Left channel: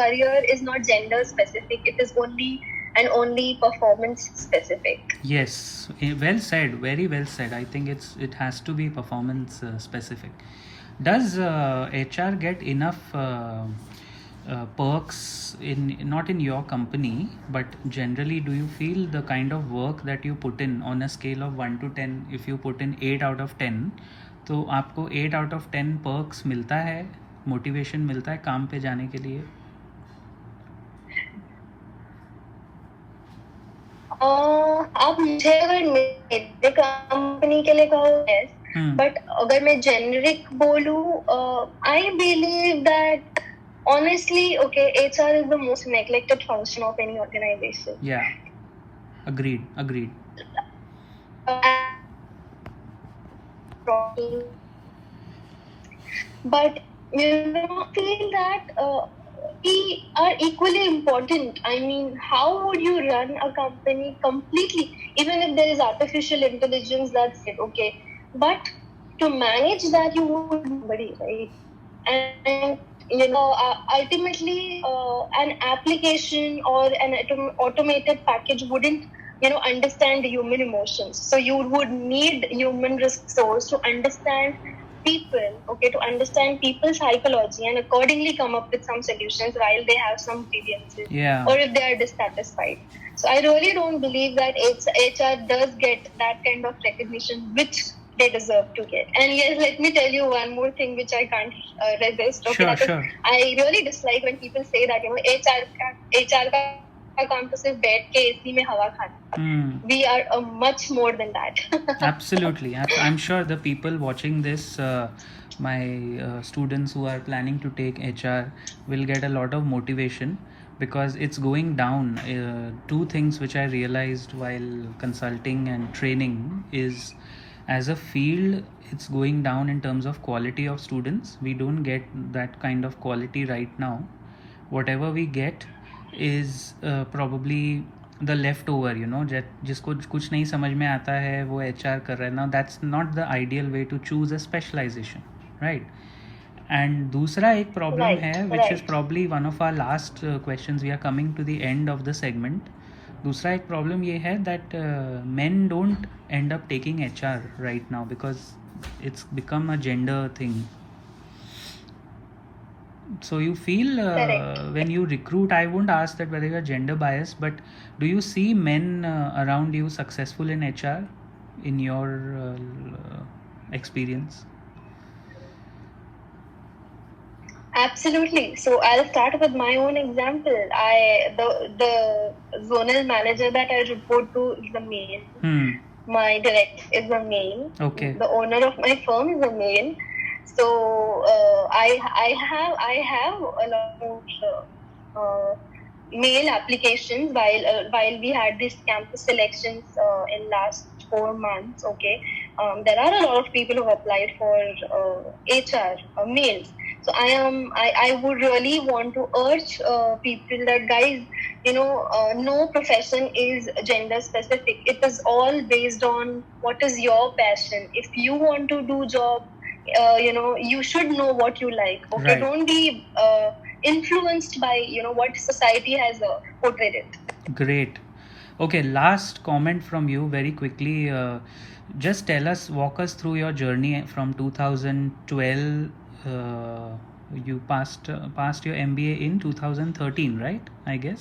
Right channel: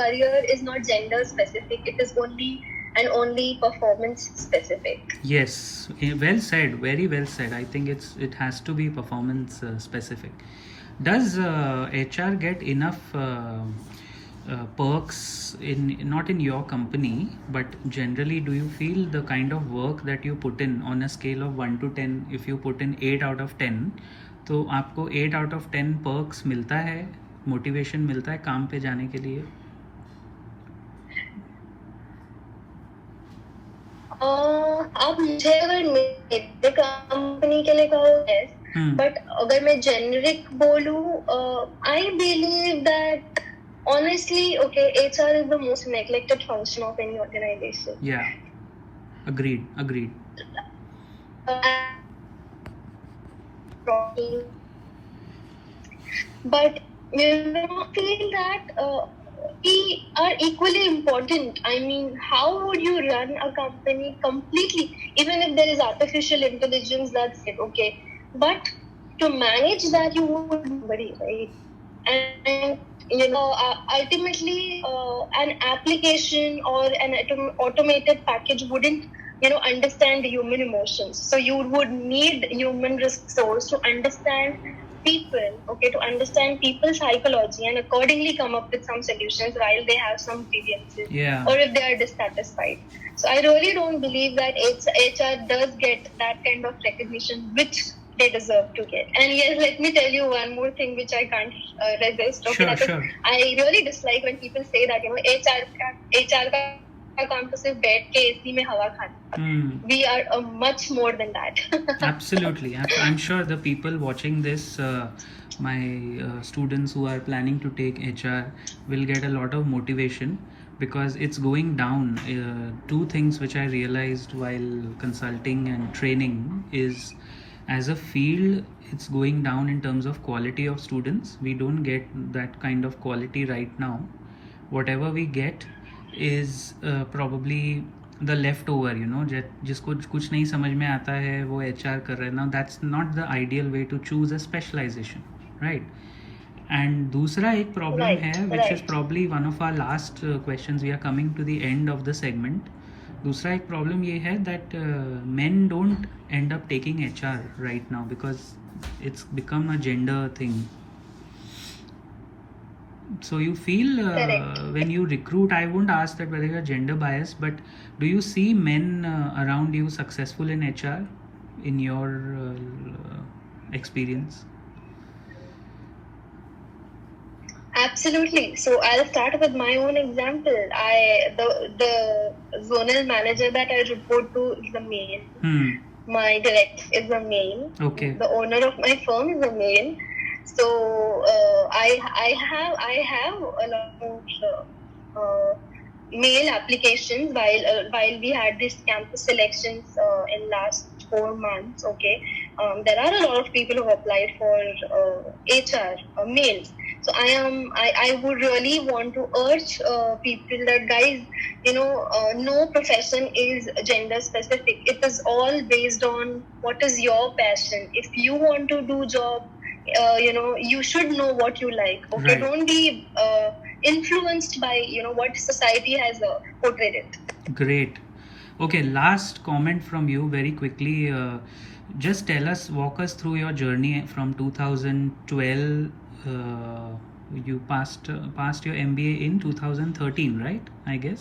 career is not gender specific. It is only performance specific. Yes, well said, very well said. I think it has to be performance specific. Does HR get enough perks in not in your company, but generally, do you feel the kind of work that you put in on a scale of 1 to 10, if you put in 8 out of 10, तो आपको 8 out of 10 perks मिलता है, motivation मिलता है काम पे जाने के लिए? आप मुझे अगर मेरे कंपनी के लिए कहो yes, बट अगर मैं जेनरिक बोलूं, I believe that honestly, okay, HR is the most neglected function of any organization. Yeah, agreed. But I feel that we are equally important. I mean, how would you run a company completely, even if there is artificial intelligence, that's it, okay. But to manage that, you would somebody, right? And ultimately, an application or an automated package wouldn't, understand human emotions. So you would need human resource to understand people, okay, to understand people's psychology and accordingly come up with some solutions while they have some grievances, or if they are dissatisfied. So I really don't believe that HR does get that kind of recognition which they deserve to get. And yes, let me tell you one more thing which I can't resist. Okay, sure. I really dislike when people say that HR का काम तो सिर्फ बैठ के AC में हवा खाना. We are much more than that. Absolutely. I'm sure the people watching this, my students who are planning to take HR, will get a lot of motivation because it's going down. Two things which I realized while consulting and training is, as a field, it's going down in terms of quality of students. We don't get that kind of quality right now. Whatever we get is probably the leftover, जिसको कुछ नहीं समझ में आता है वो HR कर रहा है. Now that's not the ideal way to choose a specialization, right? And दूसरा एक problem है, which is probably one of our last questions. We are coming to the end of the segment. दूसरा एक problem ये है that men don't end up taking HR right now because it's become a gender thing. So you feel when you recruit, I won't ask that whether you're gender biased, but do you see men around you successful in HR in your experience? Absolutely. So I'll start with my own example. The zonal manager that I report to is the male. My director is a male. Okay. The owner of my firm is a male. So I have a lot of male applications while we had these campus selections in last 4 months. Okay, there are a lot of people who applied for HR males. So I would really want to urge people that, guys, no profession is gender specific. It is all based on what is your passion. If you want to do job, you should know what you like. Okay, right. Don't be influenced by what society has portrayed it. Great. Okay, last comment from you very quickly. Just walk us through your journey from 2012. You passed your MBA in 2013, right? I guess.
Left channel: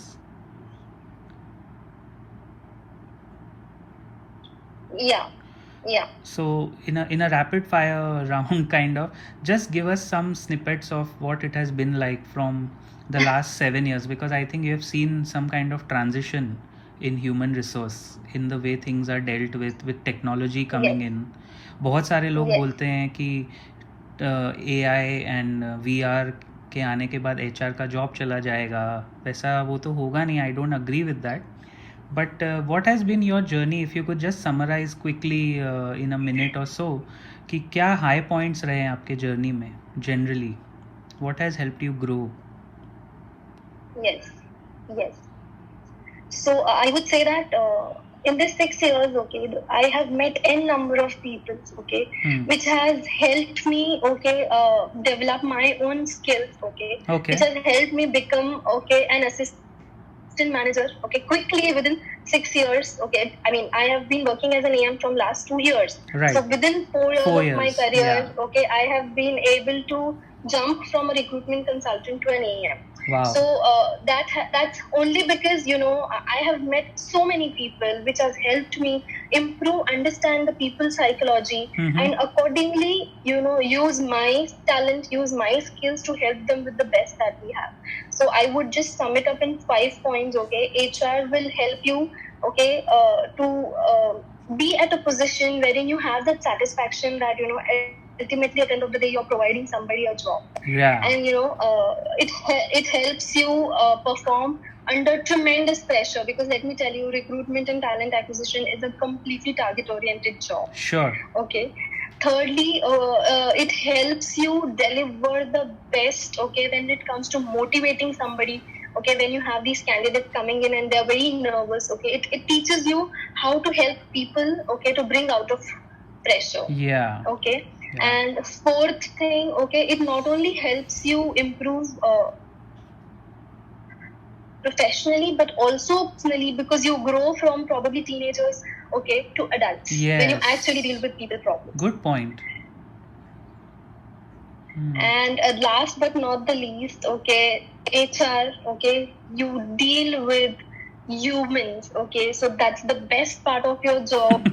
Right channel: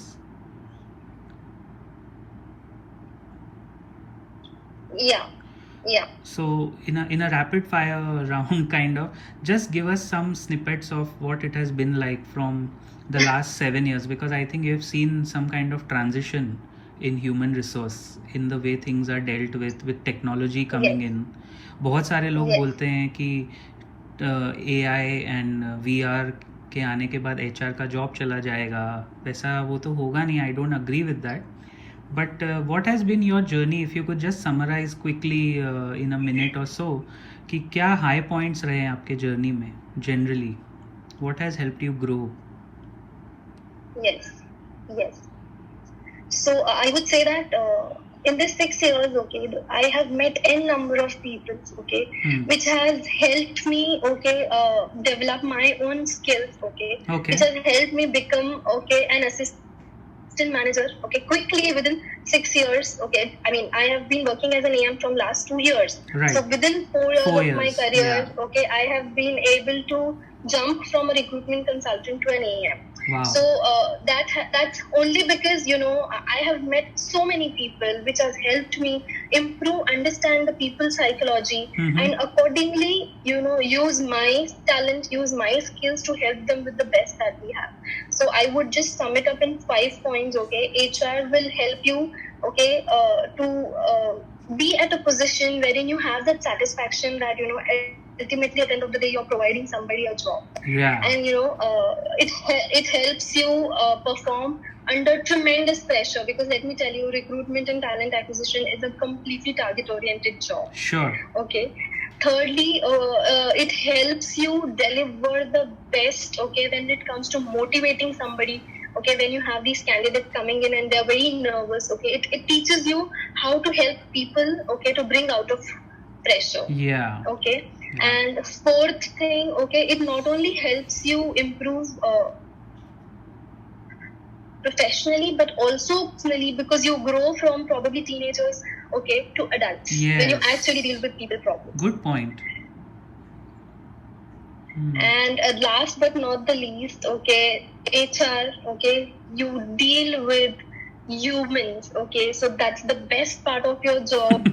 Yeah. So in a rapid fire round, kind of, just give us some snippets of what it has been like from the last 7 years, because I think you have seen some kind of transition in human resource, in the way things are dealt with technology coming in. बहुत सारे लोग बोलते हैं कि AI and VR के आने के बाद HR का जॉब चला जाएगा. वैसा वो तो होगा नहीं. I don't agree with that. But what has been your journey? If you could just summarize quickly in a minute or so, कि क्या high points रहे हैं आपके journey में generally? What has helped you grow? Yes. So I would say that in this 6 years, okay, I have met n number of people, okay, which has helped me, okay, develop my own skills, okay, which has helped me become, okay, an assistant manager, okay, quickly within 6 years, okay. I mean, I have been working as an AM from last 2 years. Right. So within 4 years of my career, okay, I have been able to jump from a recruitment consultant to an AM. Wow. So that's only because, you know, I have met so many people, which has helped me improve, understand the people's psychology, and accordingly, you know, use my talent, use my skills to help them with the best that we have. So I would just sum it up in 5 points. Okay, HR will help you, okay, to be at a position wherein you have that satisfaction that, you know, ultimately at the end of the day you're providing somebody a job. Yeah. And you know, it helps you perform under tremendous pressure, because let me tell you, recruitment and talent acquisition is a completely target oriented job. Sure. Okay. Thirdly, it helps you deliver the best, okay, when it comes to motivating somebody. Okay, when you have these candidates coming in and they're very nervous, okay, it teaches you how to help people, okay, to bring out of pressure. Yeah. Okay. Yeah. And fourth thing, okay, it not only helps you improve professionally, but also personally, because you grow from probably teenagers, okay, to adults. Yes. When you actually deal with people problems. Good point. And last but not the least, okay, HR, okay, you deal with humans, okay, so that's the best part of your job.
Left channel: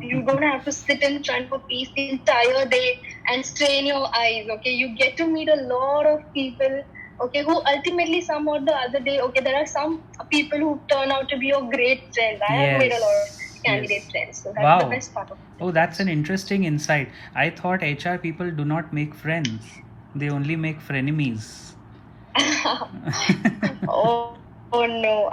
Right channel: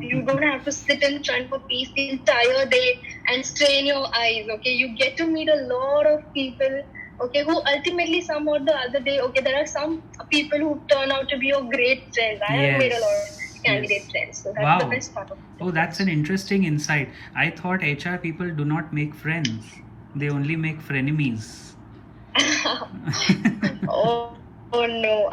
You don't have to sit in front of a PC the entire day and strain your eyes, okay. You get to meet a lot of people, okay, who ultimately some or the other day, okay, there are some people who turn out to be your great friends. I have made a lot of candidate friends, so that's the best part of it. Oh, that's an interesting insight. I thought HR people do not make friends, they only make frenemies. Oh no, I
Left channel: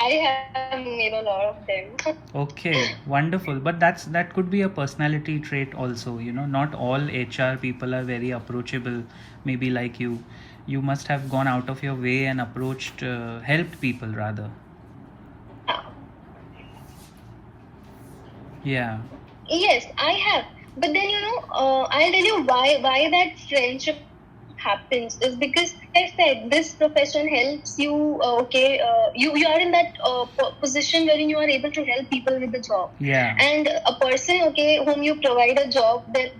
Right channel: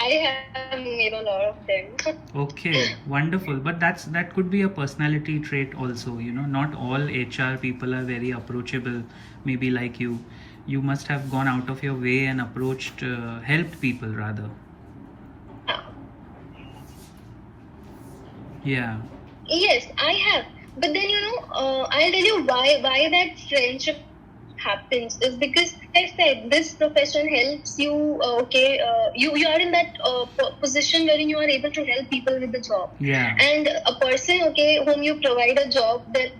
have made a lot of them. Okay, wonderful. But that could be a personality trait also, you know. Not all HR people are very approachable, maybe like you. You must have gone out of your way and approached, helped people rather. Yeah. Yes, I have. But then, you know, I'll tell you why that friendship happens is because, like I said, this profession helps you, okay, you are in that position wherein you are able to help people with the job. Yeah. And a person, okay, whom you provide a job, they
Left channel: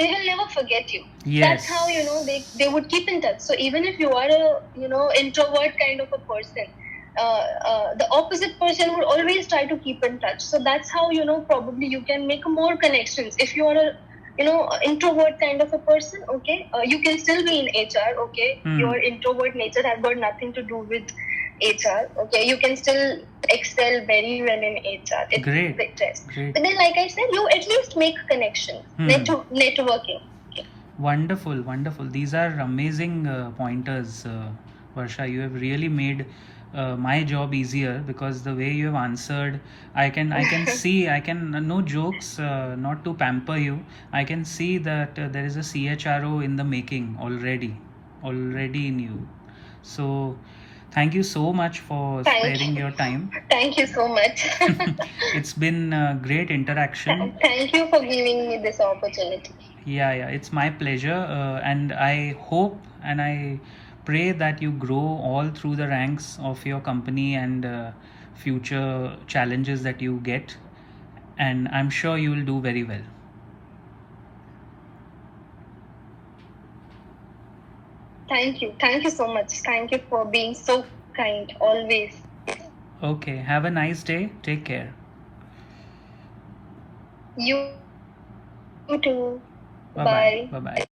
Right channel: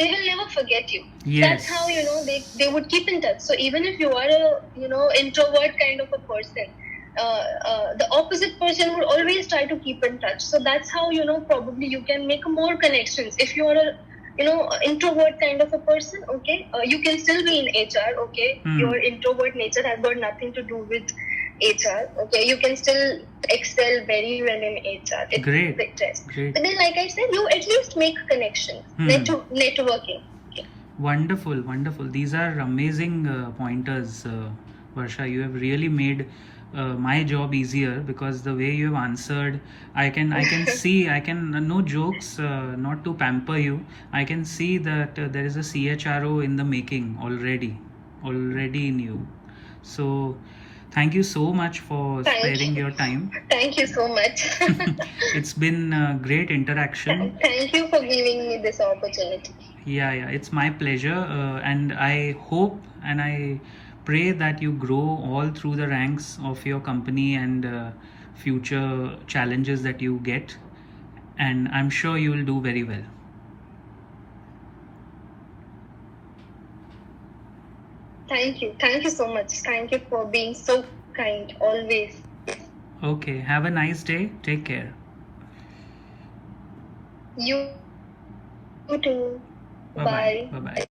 will never forget you. Yes. That's how, you know, they would keep in touch. So even if you are a, you know, introvert kind of a person, the opposite person would always try to keep in touch. So that's how, you know, probably you can make more connections. If you are a, you know, introvert kind of a person, okay, you can still be in HR, okay. Your introvert nature has got nothing to do with HR, okay. You can still excel very well in HR. It's Great. But then, like I said, you at least make connections, networking. Okay. Wonderful, wonderful. These are amazing pointers, Varsha. You have really made my job easier, because the way you have answered, I can see, no jokes, not to pamper you, I can see that there is a CHRO in the making already in you. So thank you so much for sparing your time. Thank you so much. It's been a great interaction. Thank you for giving me this opportunity. Yeah, it's my pleasure, and I hope and I pray that you grow all through the ranks of your company and future challenges that you get, and I'm sure you will do very well. Thank you so much. Thank you for being so kind always. Okay, have a nice day. Take care. You too. Bye. Bye.